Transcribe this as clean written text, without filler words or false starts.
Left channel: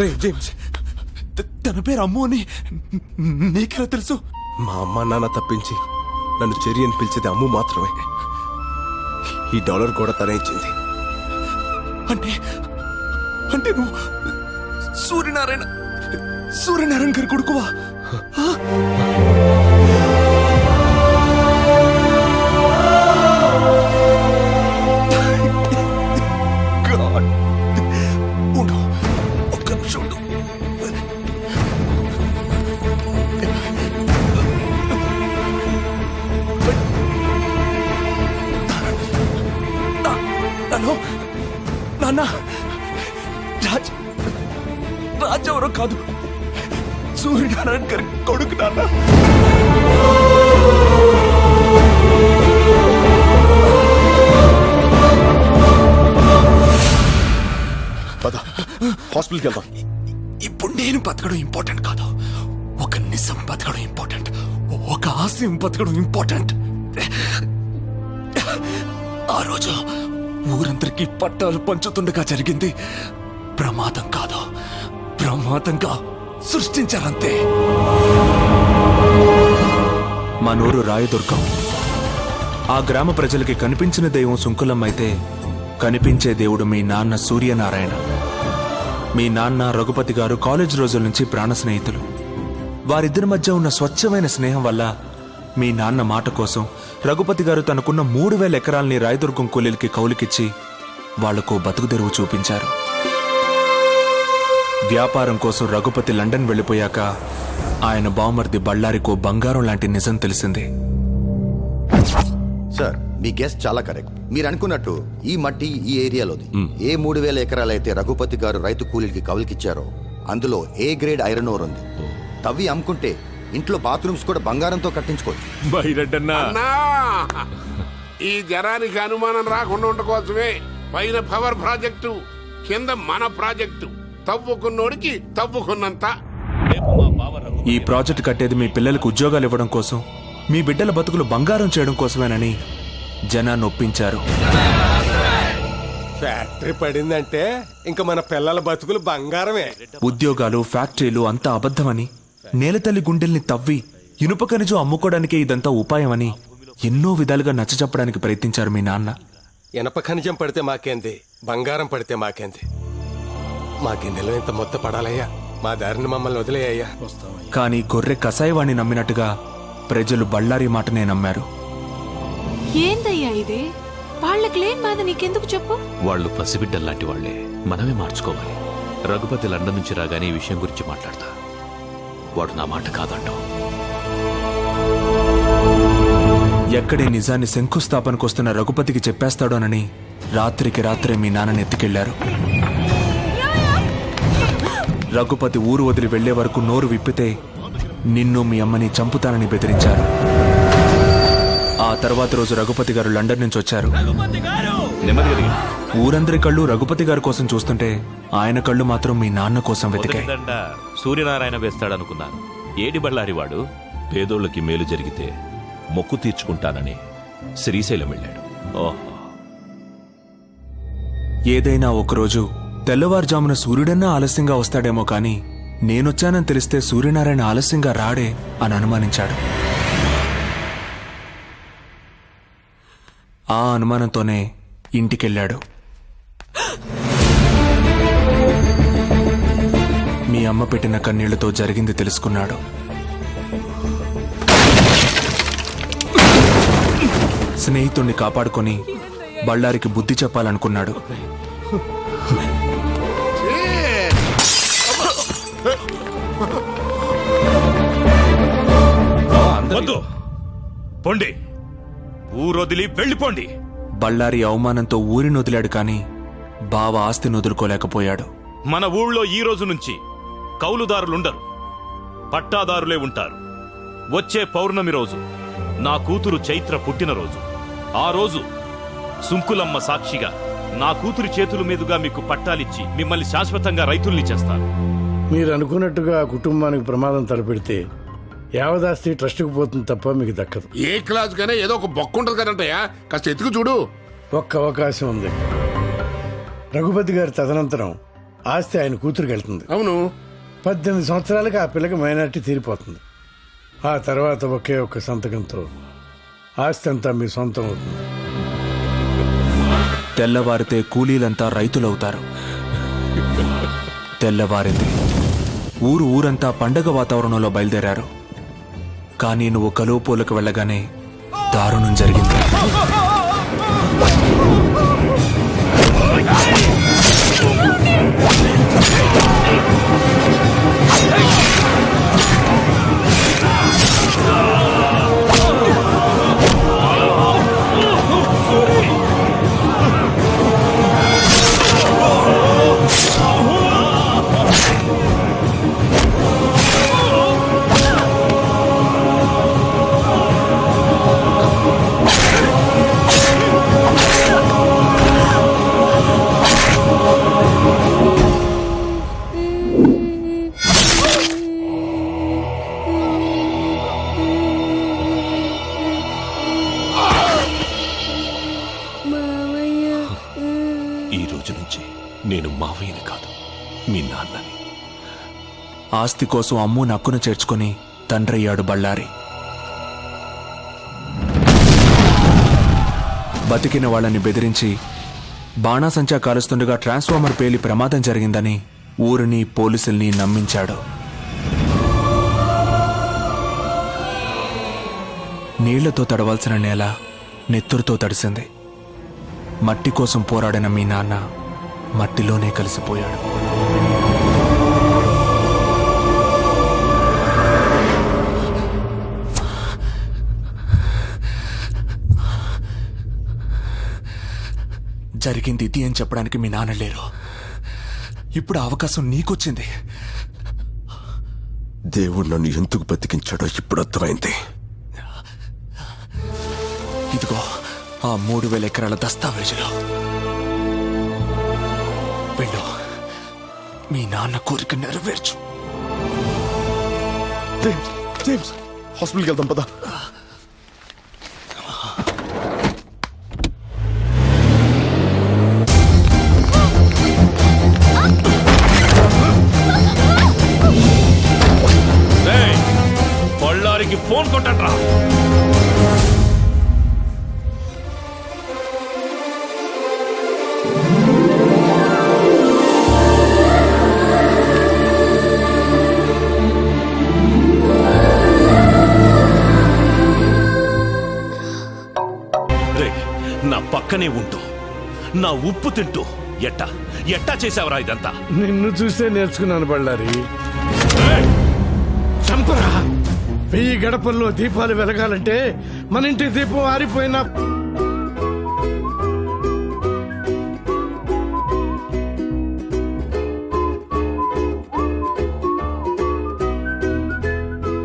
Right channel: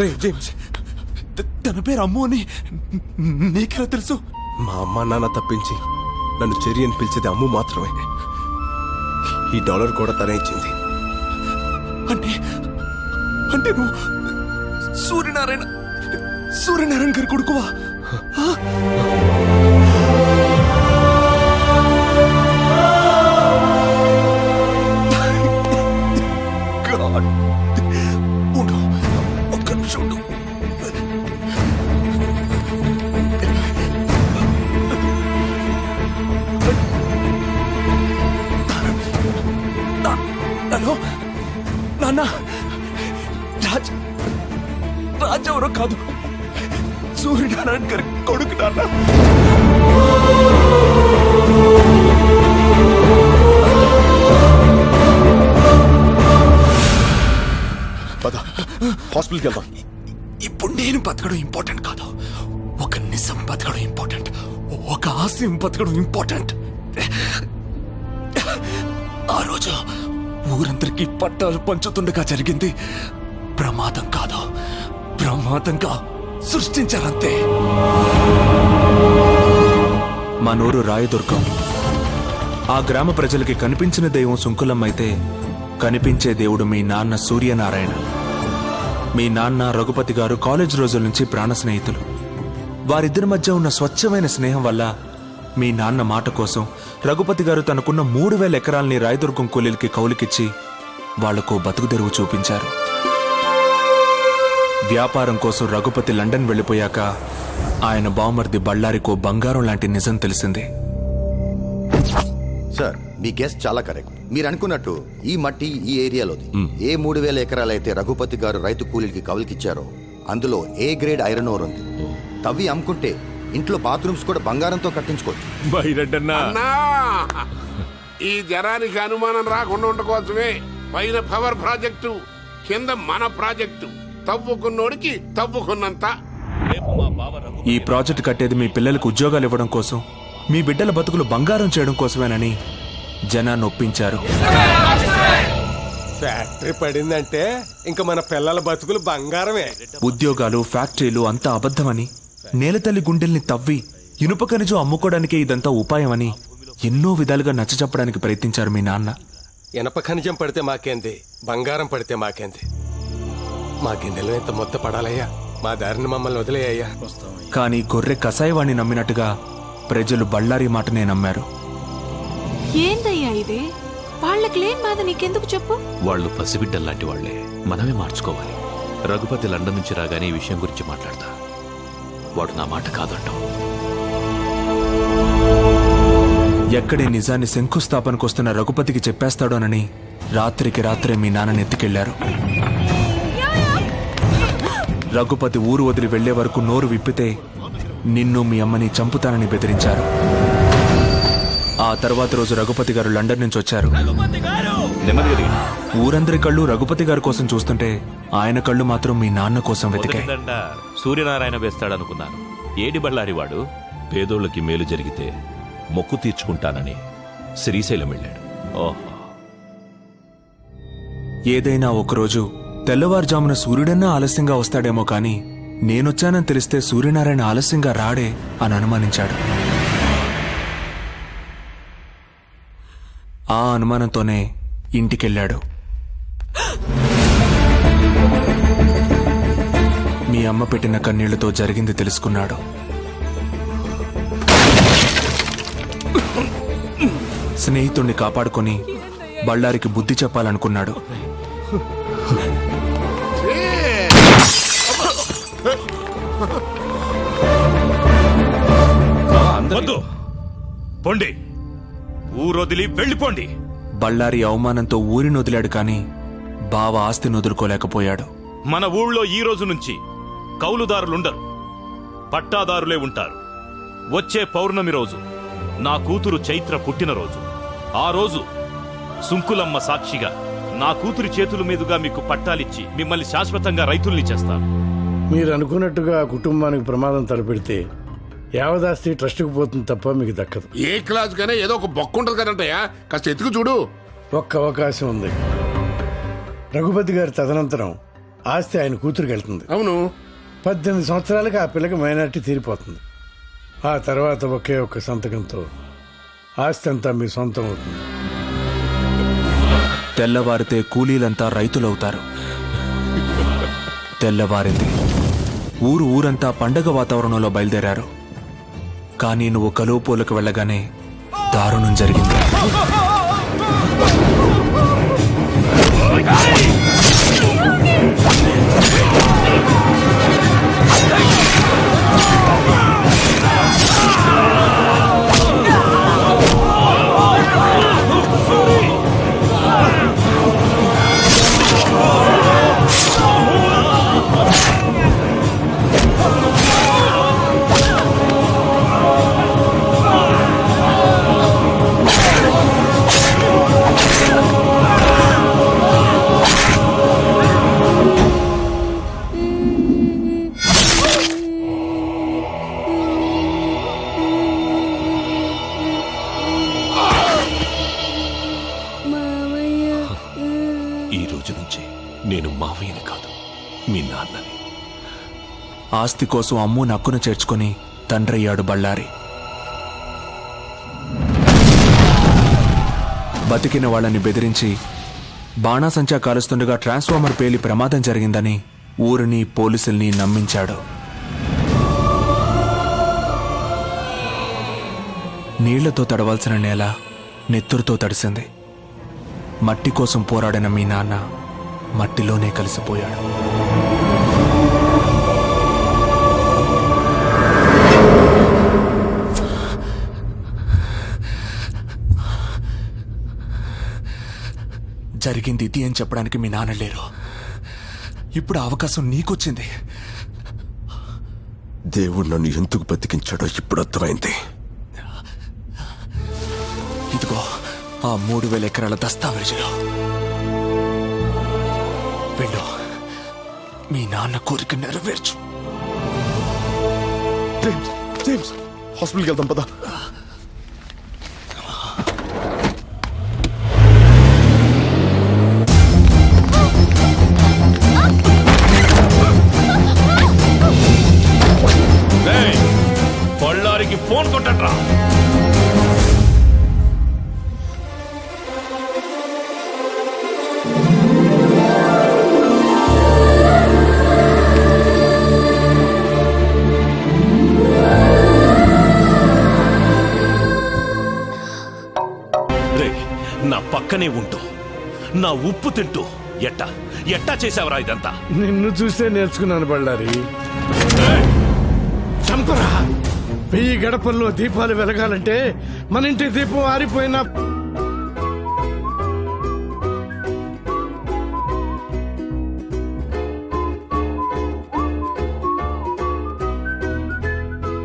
రే James, తన పేరు అమ్ము అని నీకెలా తెలుసు? మా అమ్మ నాన్న తప్పించి నన్ను చెరి అని పిలిచేది అమ్ము మాత్రమే. ఈ డాలర్ కూడా తనే ఇచ్చింది. అంటే అంటే నువ్వు సూర్యనారాయణ గారి కొడుకువా? ఉండు, ఒక్క నిమిషం ఉండు. హలో నాన్న, రాజ్ ఎవరో కాదు, సూర్యనారాయణ గారి కొడుకు నాన్న. హాస్పిటల్కి వెళ్దాం. ఇప్పుడు నేను బతకడం ఇంపార్టెంట్ కాదు, ఒక నిజం బతకడం ఇంపార్టెంట్, ఒక ఆశయం బతకడం ఇంపార్టెంట్. ఆ రోజు ఊరందరికీ పట్టాలు పంచుతుండగా జరిగింది ప్రమాదం కాదు, ప్రమాదంగా సృష్టించారంతే. మా నూరు రాయదుర్గం. ఆ గ్రామ ప్రజలకి కనిపించిన దైవం సుంకులమ్మ అయితే, కనిపించే దేవుడు మీ నాన్న సూర్యనారాయణ. మీ నాన్న రఘుపతి గారు కాలేజ్ రోజుల నుంచి ప్రాణ స్నేహితులు. వారిద్దరి మధ్య ఉన్న స్వచ్ఛమైన స్నేహం వల్ల మీ నాన్న మాట కోసం రఘుపతి గారు తనకున్న 3000 ఎకరాల్ని రాయదుర్గం కూలీలకి కౌలుకిచ్చి వాళ్లకు బతుకుదెరువు చూపించారు. వ్యాపారం కోసం రఘుపతి లండన్ వెళ్లిపోయాక ఆయన బావమర్ది బళ్ళారికో బంగారం లాంటి నిజం తెలిసింది. సార్, మీ గెస్ చాలా కరెక్ట్. మీరు అనుకున్నట్టు ఈ మట్టి ఈ ఏరియాలోది. ఏ 3000 ఎకరాలైతే రఘుపతి గారు రైతు కూలీలకి కౌలుకిచ్చారో అందులో ఏ గ్రేడ్ ఐరన్ ఓర్ ఉంది. తవ్వి అమ్ముకుంటే ఇంట్లో బాత్రూమ్స్ కూడా బంగారంతో కట్టించుకోవచ్చు. ఈ జనానికి అనుమానం రాకుండా ఉండకోసమే పైన పవర్ ప్రాజెక్టు, కింద మన ప్రాజెక్టు. తవ్వుకున్నోడికి తవ్వుకున్నంత. ఈ ప్రాజెక్టు కట్టేది మీ పిల్లలకు ఉద్యోగాలు ఇవ్వడం కోసం, మీ బిడ్డల బతుకులు బంగారం చేయడం కోసమేనని జనాన్ని ఒప్పించారు. ఫ్యాక్టరీ పడిందంటే ఇంకా మన పిల్లల బతుకులు బంగారమే. ఉద్యోగాలు, ఫ్యాక్టరీలు అంతా అబద్ధమని, నేలతల్లి గుండెల్ని తవ్వి ఇనుప ఖనిజం అమ్ముకోవడానికే ఇదంతా ఉపాయమని ఎన్నో విధాలుగా నచ్చచెప్పడానికి ప్రయత్నించారు మీ నాన్న. ఇనప ఖనిజం పడితే మాకేంది, బంగారం పడితే మాకేంది. మా గిన్నెలో ఇంత మొత్త పడాలయ్యా, మా దారిని మమ్మల్ని వదిలేయ్యా. కానీ గొర్రె కసాయివాణ్ణి నమ్మినట్టుగా ప్రజలు బళ్ళారి మాటనే నమ్మారు. ఏందయ్యా ఇది? వాళ్ళకి లేని బాధ నీకెందుకు చెప్పు? వాళ్ళు పసిబిడ్డల్లాంటి వాళ్లే, మనమే మార్చుకోవాలి. రఘుపతి లండన్ నుంచి రాగానే ఈ విషయం గురించి మాట్లాడతా. వాడు నా మాట కాదంటో. ఎక్కడే నిజాన్ని శంకుస్థాపనకొస్తున్న రఘుపతికి చెప్పేస్తాడోనని రాత్రికి రాత్రే మీ నాన్నని ఎత్తుకెళ్లారు. రఘుపతి ఊరు వదిలి వెళ్లే వరకు నోరు విప్పితే నిన్ను మీ అమ్మని చంపుతానని బెదిరించారు. ఆ తర్వాత రోజు రఘుపతి గారు లండన్ నుంచి వచ్చారు. ఊరందరి కళ్ళు రఘుపతి గారి కోసం చూస్తుంటే ఆయన కళ్ళు మాత్రం మీ నాన్న కోసం వెతికాయి. సూర్యనారాయణ వేస్తాడనుకున్నాను. ఏడి బళ్ళారి వాడు పేదోళ్ళకి మేలు జరిగితే మొక్కు తీర్చుకుంటానని శ్రీశైలం వెళ్ళాడు. ఓహో, ఏదైనా ఒకరోజు తెల్లవారుజామున సూర్యుడన్నా ఆలస్యంగా వస్తాడేమో కాని నేనొచ్చానని తెలిస్తే సూర్యనారాయణ ఆలస్యంగా రాడే అని అనుమానించాడు. ఆ అనుమానంతోనే ఇంటికెళ్ళాడు. మీ అమ్మ పెట్టిన కన్నీళ్లతో జరిగింది తెలుసుకున్నాడు. స్నేహితుణ్ణి కాపాడుకొని బళ్ళారికి బుద్ధి చెప్పాలనుకున్నాడు. పొండి, ఊరొదిలి వెళ్ళిపోండి. బళ్ళారి అవమానంతో ఊరిని వదిలాడు కాని బావ ఆస్తిని వదులుకోలేకపోయాడు. మన ఊళ్ళో ఈ రోజు నుంచి కౌలుదారులుండరు, పట్టాదారులే ఉంటారు. వచ్చే పౌర్ణమి రోజు నా కూతురు చైత్ర పుట్టినరోజు. ఆ రోజు సుంకులమ్మ సాక్షిగా నా కూతురి చేతుల మీదుగా మీకు పట్టాలిచ్చి మిమ్మల్ని శాశ్వతంగా రైతుల్ని చేస్తాను. మీరు అనుకున్నట్టుగా కుటుంబానికి ప్రమాదం తలపెడితే యావదాస్తి ట్రస్టుకు పోతుంది తప్ప మీకు దక్కదు. ఏ క్లాస్ కైనా ఏదో ఒక బొక్క ఉంటుంది కదంటయ్యా, కాస్త ఎత్తుకు చూడు. ఒక్క అవకాశం ఉంది. రఘుపతి గారి తదనంతరం ఆస్తి ఆయన కూతురికి వెళ్తుంది. అవును. 18 సంవత్సరాలకి ఆ పిల్లకి మైనారిటీ తీరిపోతుంది. ఆ తర్వాత ఒకే ఒక్క సంతకంతో ఆస్తి అంతా మీ సొంతం అవుతుంది. తెల్లవారితే కూలీలంతా రైతులవుతారు. తెల్లవారింది. ఊరంతా పండగ వాతావరణంలో బయలుదేరారు. కానీ నువ్వు కలువపోలకు వెళ్ళగానే దారుణం జరిగింది. ఈ రోజు నుంచి నేను మావయ్యని కాదు, మీ నాన్నని. ఆస్తి కోసం అమ్ము నక్కును చేర్చుకుని తండ్రయ్యాడు బళ్ళారి. బతికిన వాళ్ళని బెదిరించి బాణాసంచా కాలుస్తుండగా ట్రాన్స్ఫార్మర్ పేలి ప్రమాదం జరిగిందని ఊరిని పోలీసుల్ని నమ్మించాడు. నీళ్లతో తడవాల్సిన నేల నెత్తురుతో తడిసింది. మట్టి కోసం పోరాడిన మీ నాన్న మట్టిలోనే కలిసిపోయాడు. జరిగింది ఇది అని చెప్పడానికి మీ నాన్న లేరు. ఇప్పుడు ఆ అవకాశం నీకొచ్చింది. దేవుడు నన్ను ఎందుకు బతికించాడో ఇప్పుడు అర్థమైంది. ఇదిగో ఆ 3000 ఎకరాల దస్తావేజులు. వెళ్ళు, మీ నాన్న కోరిక నెరవేర్చు. జేమ్స్, జేమ్స్, హాస్పిటల్కి వెళ్దాం పదా. బళ్ళారికి ఫోన్ కొట్టండ్రా. నా పక్కనే ఉంటూ నా ఉప్పు తింటూ ఎట్టా చేసావరా ఇదంతా? నిన్ను చూసే నేర్చుకున్నాను బళ్ళారి. చంపరా! 1000 గడపల్లో దీపాలు వెలగాలంటే మన ఇంటి దీపం ఆరిపోయినా